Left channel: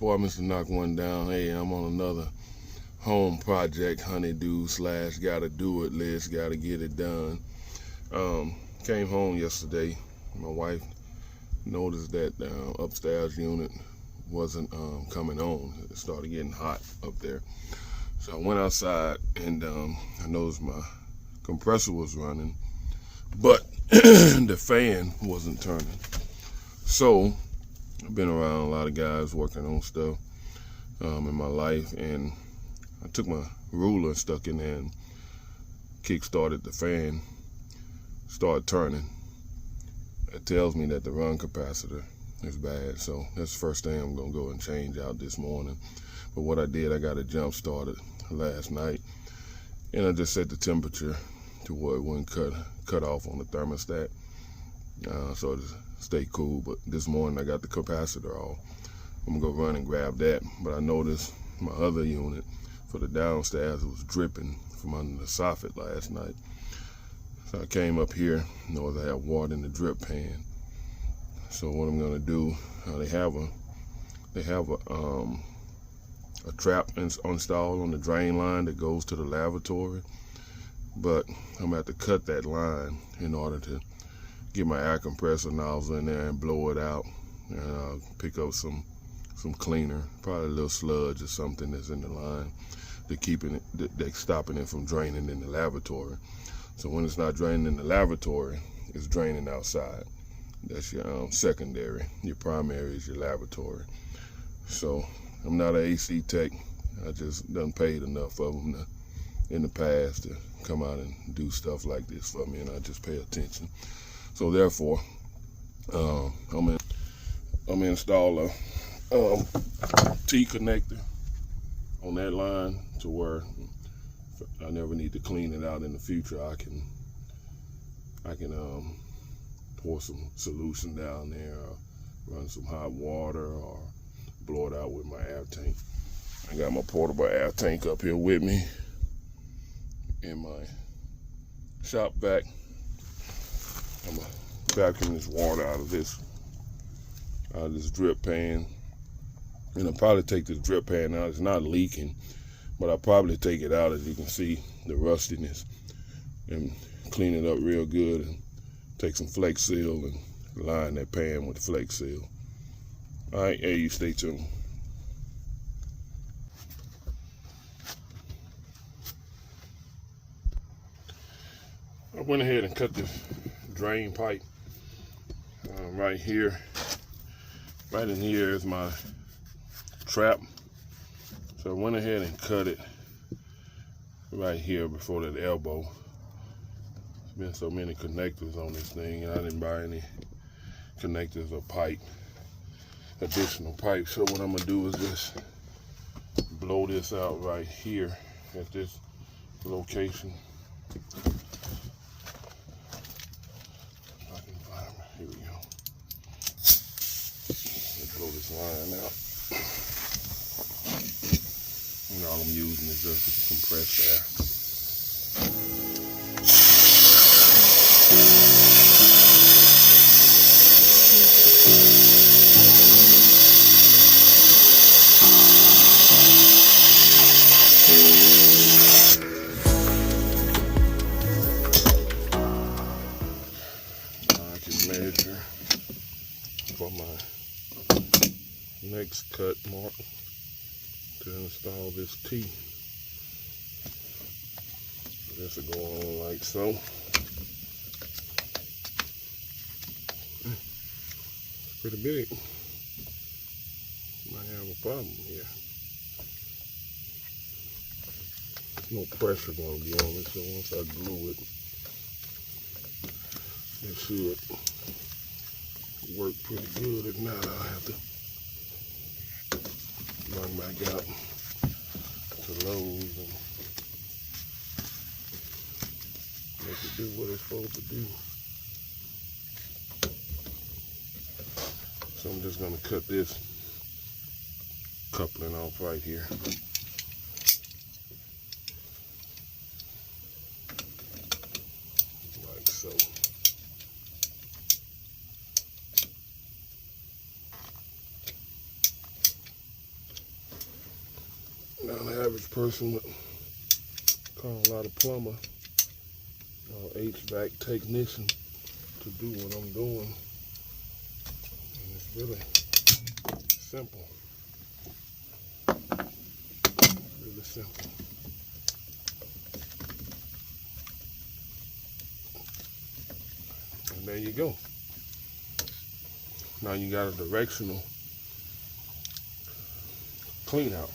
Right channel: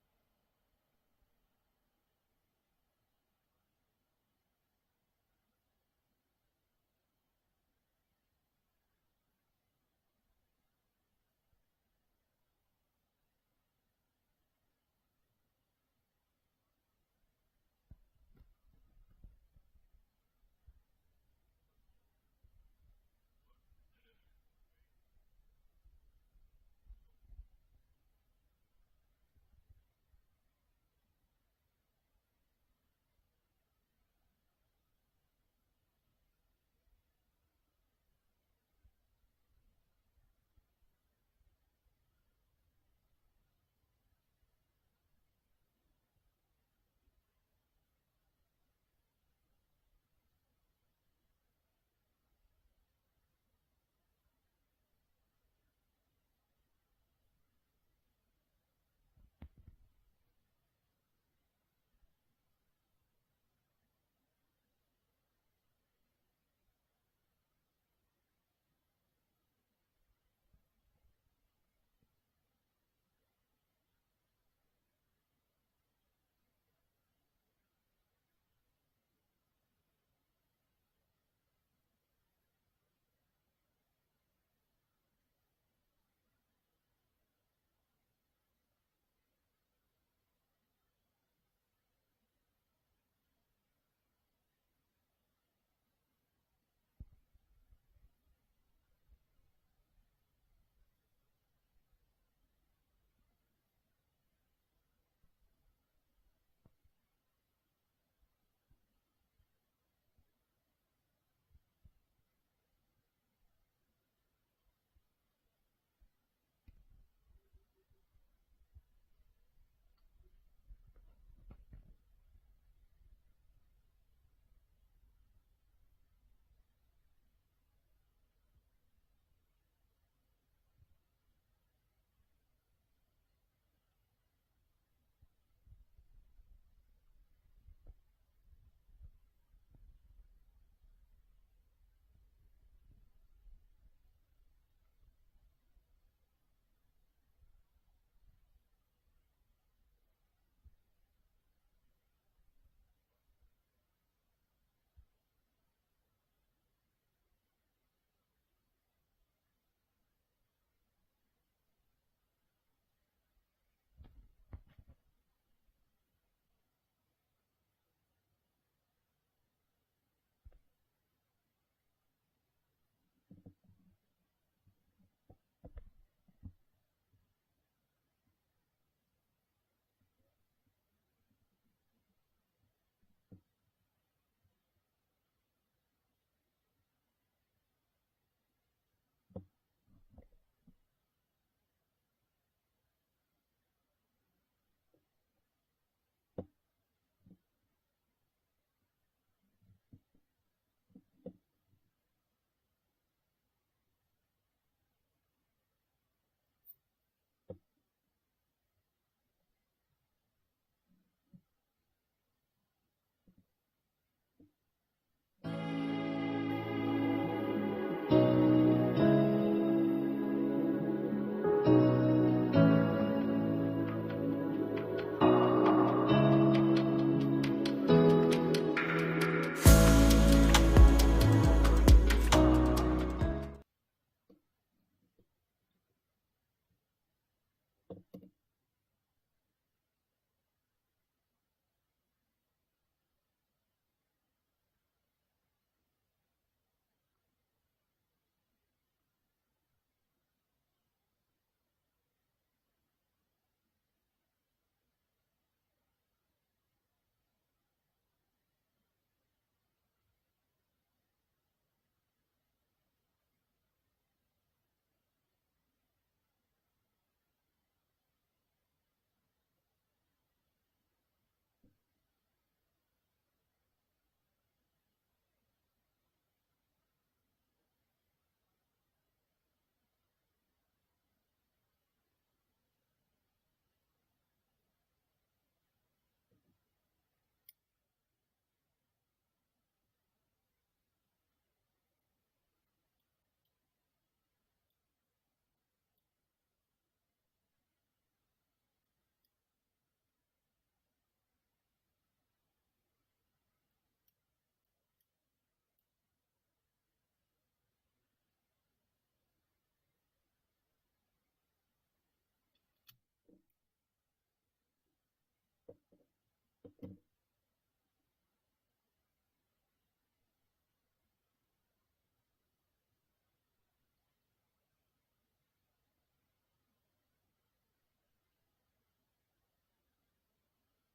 your boy, Mr. Knock One Down. Hey, I'm on another home project, honeydew / gotta do it list, gotta get it done. Came home yesterday. My wife noticed that the upstairs unit wasn't coming on. It started getting hot up there. So I went outside and I noticed my compressor was running, but the fan wasn't turning. So I've been around a lot of guys working on stuff in my life, and I took my ruler and stuck in there and kick-started the fan, started turning. It tells me that the run capacitor is bad, so that's the first thing I'm gonna go and change out this morning. But what I did, I got it jump started last night, and I just set the temperature to where it wouldn't cut off on the thermostat, so it stay cool. But this morning I got the capacitor off. I'm gonna go run and grab that. But I noticed my other unit for the downstairs was dripping from under the soffit last night. So I came up here, noticed I have water in the drip pan. So what I'm gonna do, they have a trap installed on the drain line that goes to the lavatory, but I'm gonna have to cut that line in order to get my air compressor nozzle in there and blow it out, and pick up some cleaner, probably a little sludge or something that's in the line that's stopping it from draining in the lavatory. So when it's not draining in the lavatory, it's draining outside. That's your secondary. Your primary is your lavatory. So I'm not an AC tech. I just done paid enough of them in the past to come out and do stuff like this for me, and I just pay attention. So therefore, I'm gonna install a T connector on that line to where I never need to clean it out in the future. I can pour some solution down there, or run some hot water, or blow it out with my air tank. I got my portable air tank up here with me in my shop vac. I'm gonna vacuum this water out of this drip pan, and I'll probably take this drip pan out. It's not leaking, but I'll probably take it out, as you can see the rustiness, and clean it up real good, and take some Flex Seal and line that pan with Flex Seal. All right, hey, you stay tuned. I went ahead and cut this drain pipe right here. Right in here is my trap. So I went ahead and cut it right here before that elbow. There's been so many connectors on this thing, and I didn't buy any connectors or additional pipe. So what I'm gonna do is just blow this out right here at this location. Here we go. Let's blow this line out. And all I'm using is just compressed air. Now I can measure for my next cut mark to install this T. This will go on like so. It's pretty big. Might have a problem here. There's no pressure going to be on it, so once I glue it, it should work pretty good. If not, I'll have to run back out to Lowe's and make it do what it's supposed to do. So I'm just going to cut this coupling off right here. Like so. average person would call a lot of plumber or HVAC technician to do what I'm doing. And it's really simple. Really simple. And there you go. Now you got a directional clean out.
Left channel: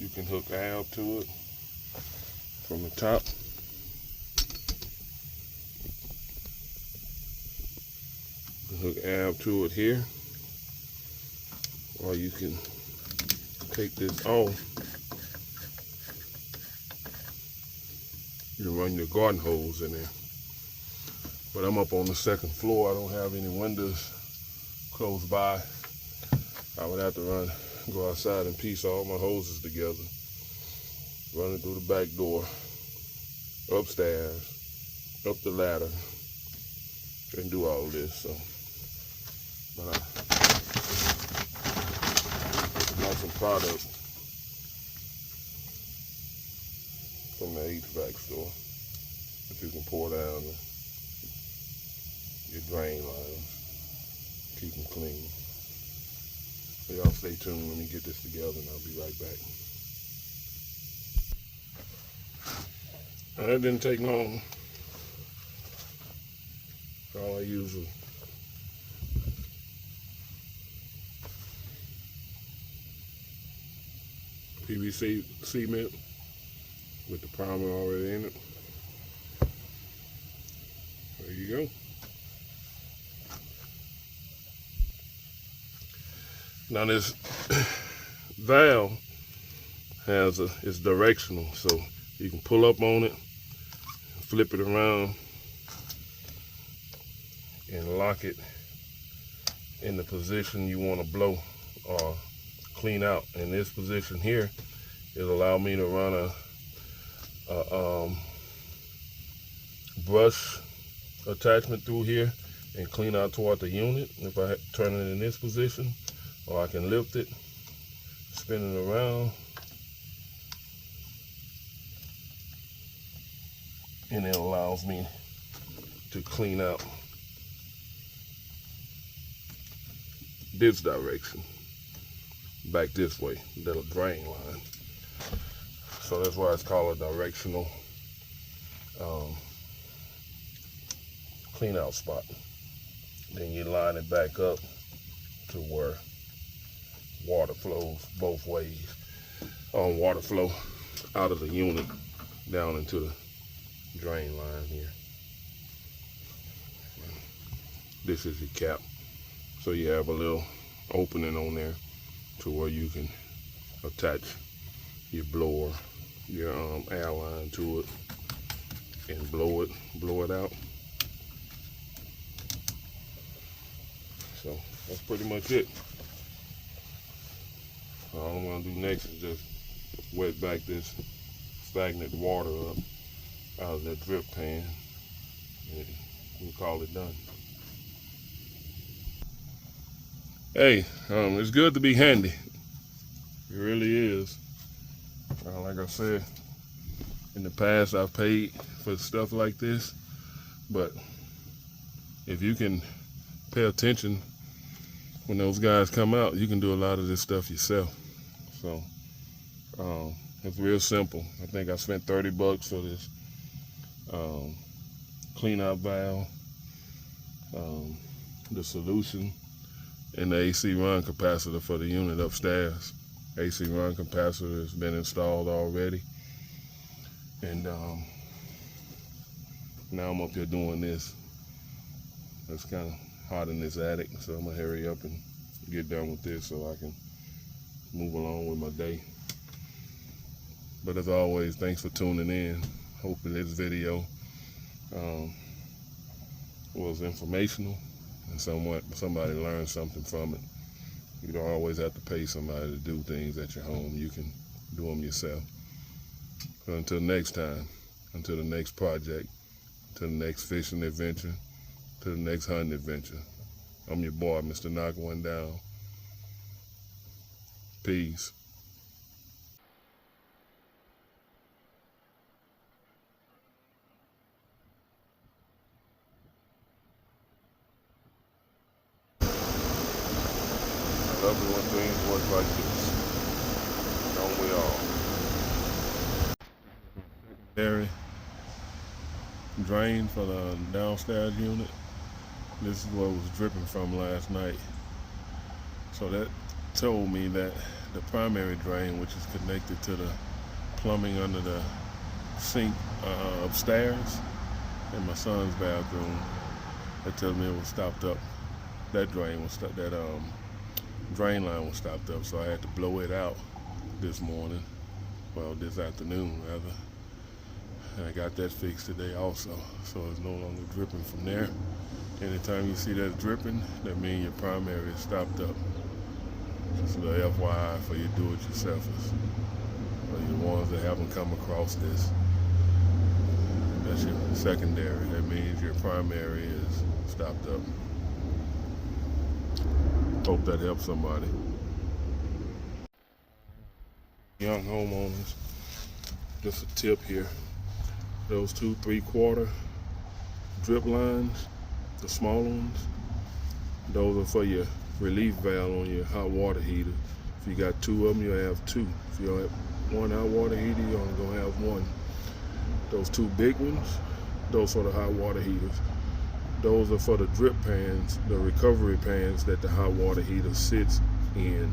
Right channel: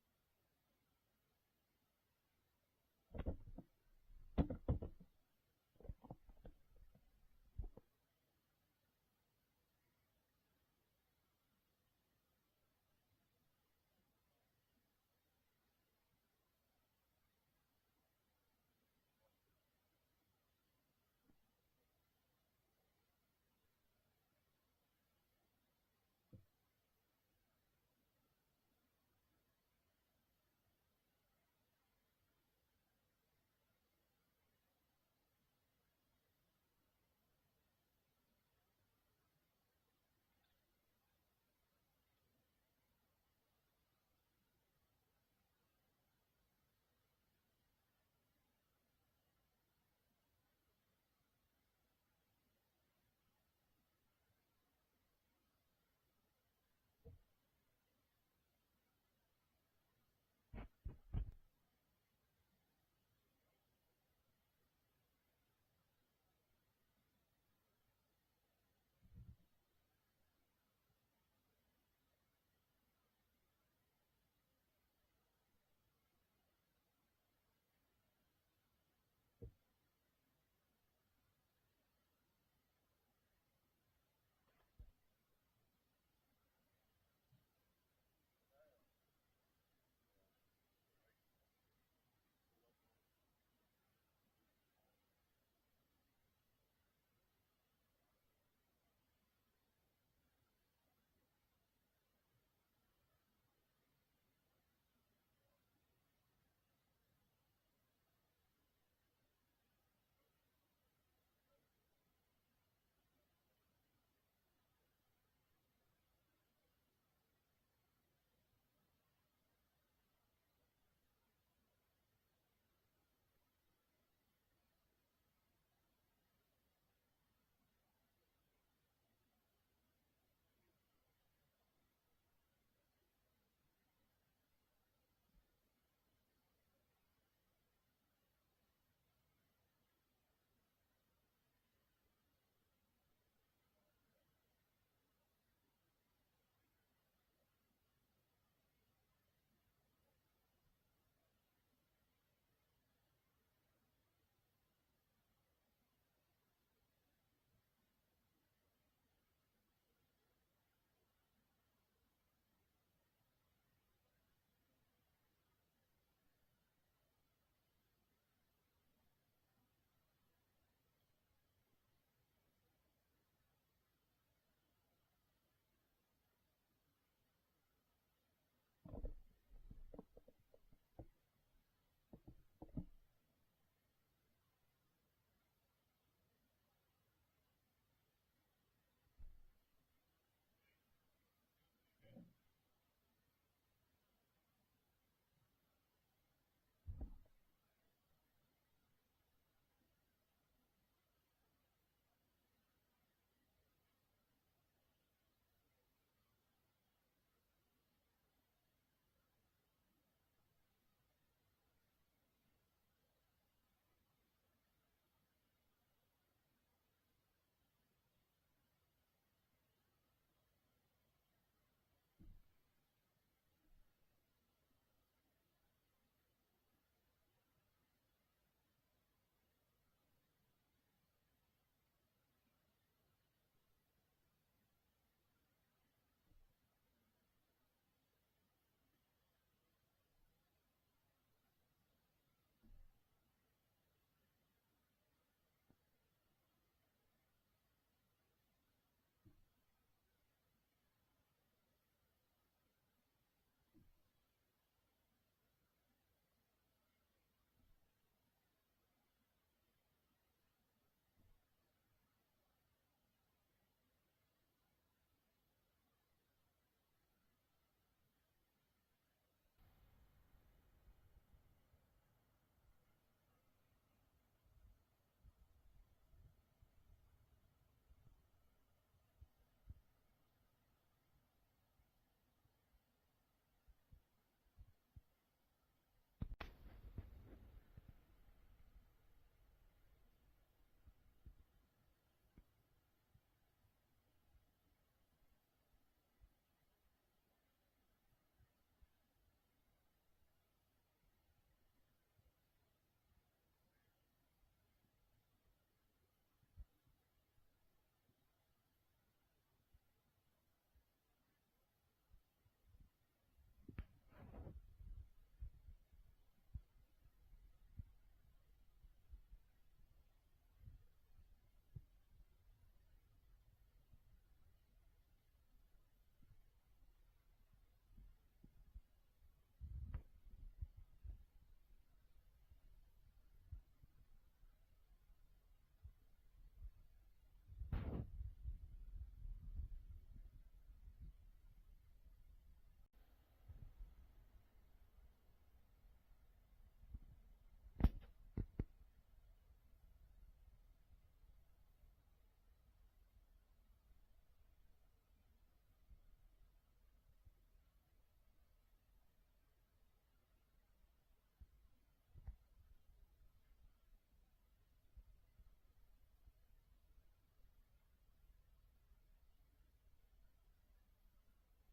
You can hook Alb to it from the top. You can hook Alb to it here, or you can take this off. You can run your garden hose in there. But I'm up on the second floor. I don't have any windows close by. I would have to go outside and piece all my hoses together, run it through the back door, upstairs, up the ladder, and do all this. So, but I got some product from the HVAC store that you can pour down your drain lines, keep them clean. So y'all stay tuned. Let me get this together and I'll be right back. Now that didn't take long. All I use was PVC cement with the primer already in it. There you go. Now this valve it's directional, so you can pull up on it, flip it around, and lock it in the position you want to blow or clean out. In this position here, it'll allow me to run a brush attachment through here and clean out toward the unit if I turn it in this position. Or I can lift it, spin it around, and it allows me to clean out this direction, back this way, the drain line. So that's why it's called a directional clean out spot. Then you line it back up to where water flows both ways. Water flow out of the unit down into the drain line here. This is your cap. So you have a little opening on there to where you can attach your blower, your air line to it and blow it out. So that's pretty much it. All I'm gonna do next is just wet back this stagnant water up out of that drip pan and we'll call it done. Hey, it's good to be handy. It really is. Like I said, in the past I've paid for stuff like this, but if you can pay attention when those guys come out, you can do a lot of this stuff yourself. So it's real simple. I think I spent $30 for this clean out valve, the solution, and the AC run capacitor for the unit upstairs. AC run capacitor has been installed already, and now I'm up here doing this. It's kind of hot in this attic, so I'm gonna hurry up and get done with this so I can move along with my day. But as always, thanks for tuning in. Hoping this video was informational and somebody learned something from it. You don't always have to pay somebody to do things at your home. You can do them yourself. So until next time, until the next project, until the next fishing adventure, to the next hunting adventure, I'm your boy, Mr. Knock One Down. Peace. I love it when things work like this. Don't we all? Secondary drain for the downstairs unit. This is what was dripping from last night. So that told me that the primary drain, which is connected to the plumbing under the sink upstairs in my son's bathroom, that tells me it was stopped up. That drain was that drain line was stopped up, so I had to blow it out this morning. Well, this afternoon rather. And I got that fixed today also, so it's no longer dripping from there. Anytime you see that dripping, that means your primary is stopped up. Just a little FYI for you do-it-yourselfers, or you ones that haven't come across this. That's your secondary. That means your primary is stopped up. Hope that helps somebody. Young homeowners, just a tip here. Those 2 3/4 drip lines, the small ones, those are for your relief valve on your hot water heater. If you got 2 of them, you'll have 2. If you have 1 hot water heater, you're only gonna have 1. Those 2 big ones, those are the hot water heaters. Those are for the drip pans, the recovery pans that the hot water heater sits in.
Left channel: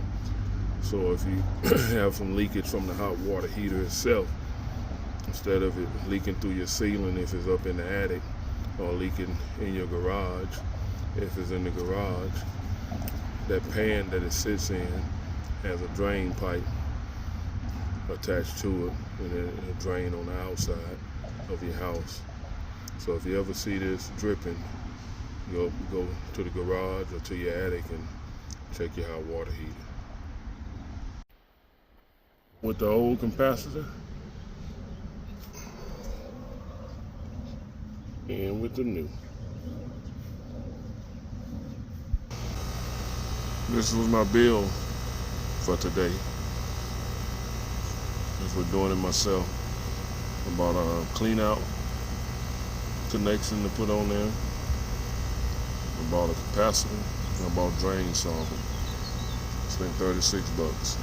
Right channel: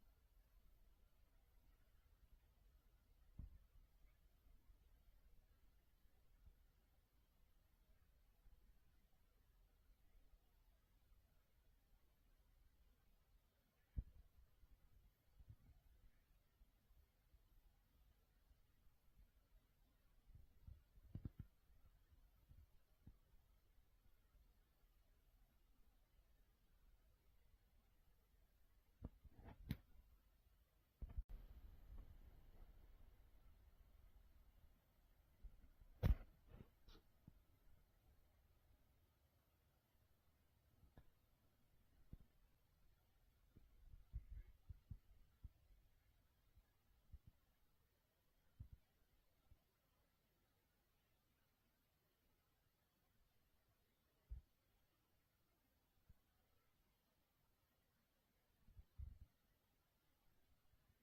So if you have some leakage from the hot water heater itself, instead of it leaking through your ceiling if it's up in the attic, or leaking in your garage if it's in the garage, that pan that it sits in has a drain pipe attached to it, and it'll drain on the outside of your house. So if you ever see this dripping, go to the garage or to your attic and check your hot water heater. With the old capacitor and with the new. This was my bill for today. Just for doing it myself. I bought a clean out connection to put on there. I bought a capacitor. And I bought drain sampler. Spent $36.